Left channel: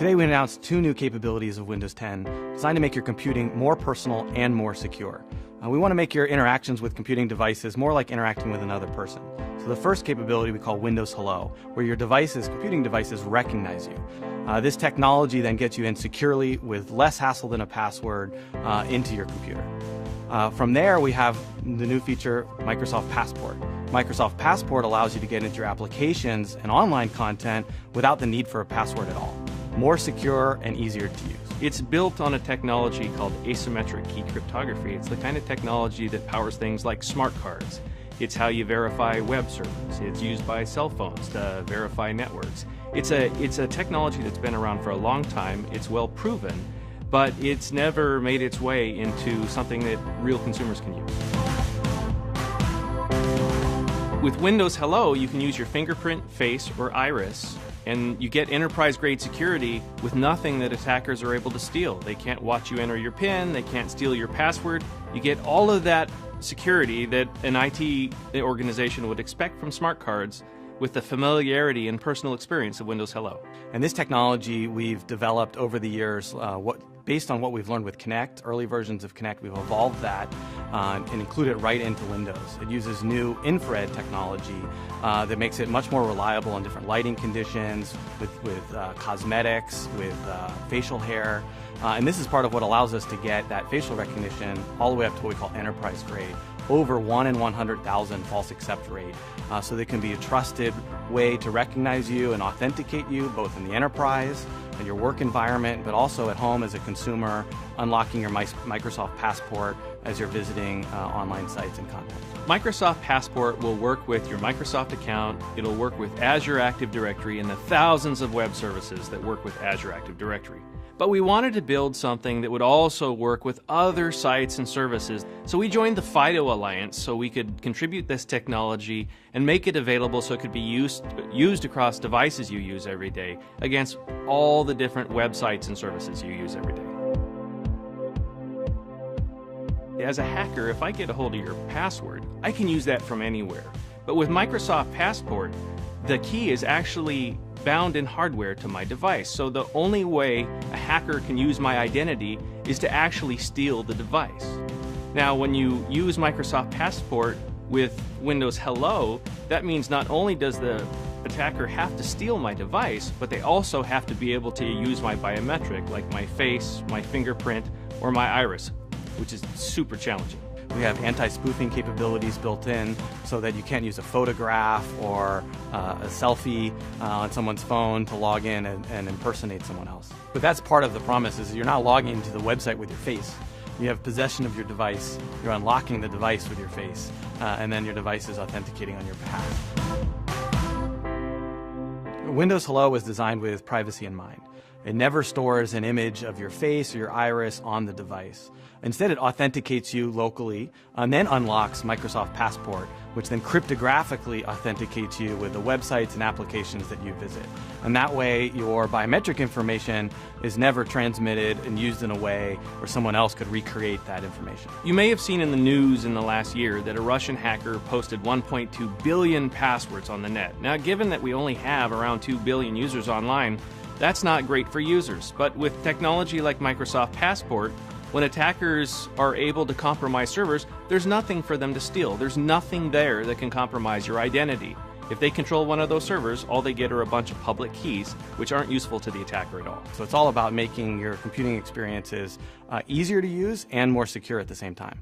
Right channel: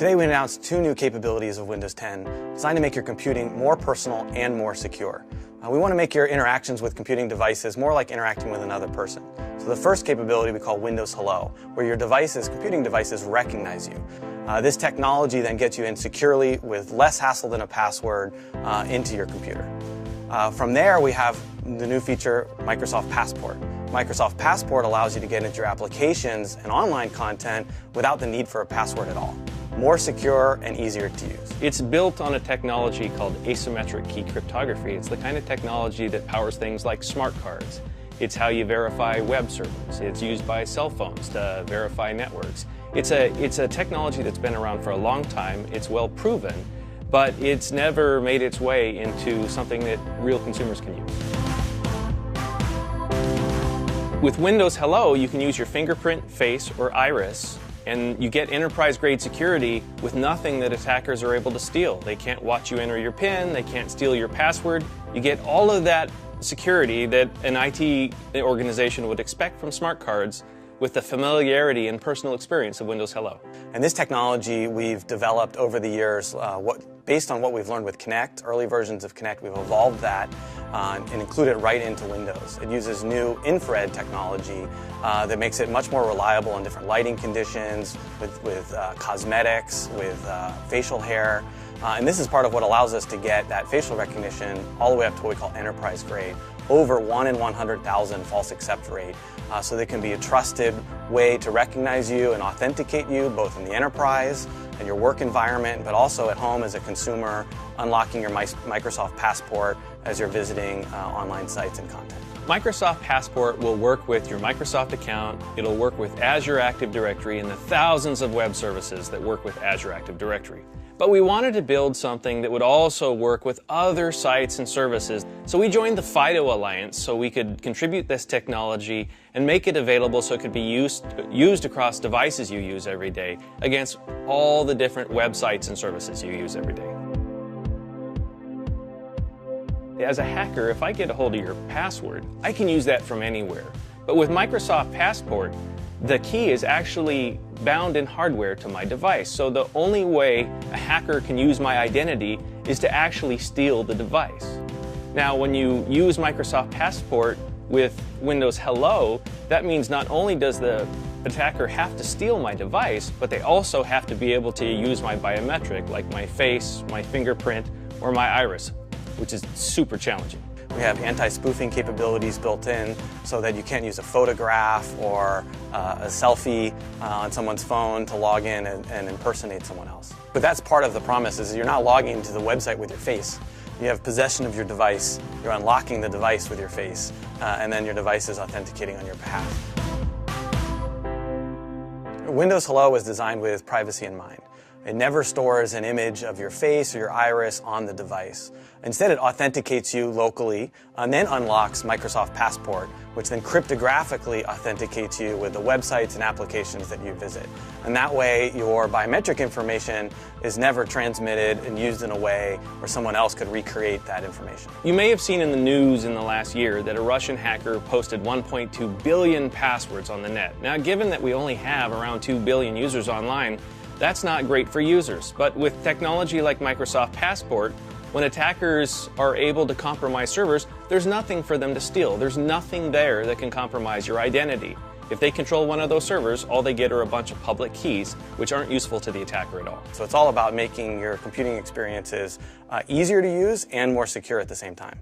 Today we announced two new capabilities of Windows 10 designed to make your computing more personal and more secure. We want to make your interactions with computing devices more like interacting with another person. So the first capability we call Windows Hello, where your computing devices recognize you. This technology then gets you in securely with less hassle than a password into your computer. From there we have the new feature Microsoft Passport. Microsoft Passport allows you to get into your applications and online content without the need for a password at all. More secure and easier to use. It's built on a technology called asymmetric key cryptography. It's the kind of technology that powers things like smart cards. It's how you verify web servers. It's used by cell phones to verify networks. It's a technology that's been around for a long time. It's well proven, but it's never made its way into something that real consumers can use. With Windows Hello, you can use your fingerprint, face, or iris, and you get enterprise-grade security with nothing that attackers are able to steal. They can't watch you enter your PIN, they can't steal your password. You get all of that security that an IT organization would expect from smart cards with the familiarity and personal experience of Windows Hello. And this technology we've developed over the years, based on what we've learned with Kinect, early versions of Kinect, we've evolved that and included it right into Windows. It uses new infrared technology that makes it much more reliable in different lighting conditions, with cosmetics, with facial hair. And this is part of what allows us to get that facial recognition all the way up to what we call enterprise grade, over 1 in 100,000 false accept rate. So there can be a trusted way to recognize you and authenticate you, both in the enterprise and your work environment, but also at home as a consumer, unlocking your Microsoft Passport as you're visiting online sites and content. Microsoft Passport will work with your Microsoft account. It'll work with Azure Active Directory and the thousands of web services that work with Azure Active Directory. But we wanted to build something that would also work with other sites and services. So we joined the FIDO Alliance so we could contribute this technology and make it available so it could be used across devices you use every day against all the different websites and services you use every day. As a hacker, if I get a hold of your password, I can use that from anywhere. But with Microsoft Passport, the key is actually bound in hardware to my device. So the only way a hacker can use my identity is to actually steal the device. Now, when you use Microsoft Passport with Windows Hello, that means not only does the attacker have to steal my device, but they also have to be able to use my biometric, like my face, my fingerprint, or my iris, which is super challenging. We have anti-spoofing capabilities built in so that you can't use a photograph or a selfie on someone's phone to log in and impersonate someone else. But that's part of the promise, is you're not logging into the website with your face. You have possession of your device, you're unlocking the device with your face, and then your device is authenticating on your behalf. Windows Hello was designed with privacy in mind. It never stores an image of your face or your iris on the device. Instead, it authenticates you locally and then unlocks Microsoft Passport, which then cryptographically authenticates you with the websites and applications that you visit. And that way, your biometric information is never transmitted and used in a way where someone else could recreate that information. You may have seen in the news in the last year that a Russian hacker posted 1.2 billion passwords on the net. Now, given that we only have around 2 billion users online, that's not great for users. But with technology like Microsoft Passport, when attackers are able to compromise servers, there's nothing for them to steal. There's nothing there that can compromise your identity. If they control one of those servers, all they get are a bunch of public keys, which aren't useful to the attacker at all. So it's all about making your computing experiences easier to use and more secure at the same time.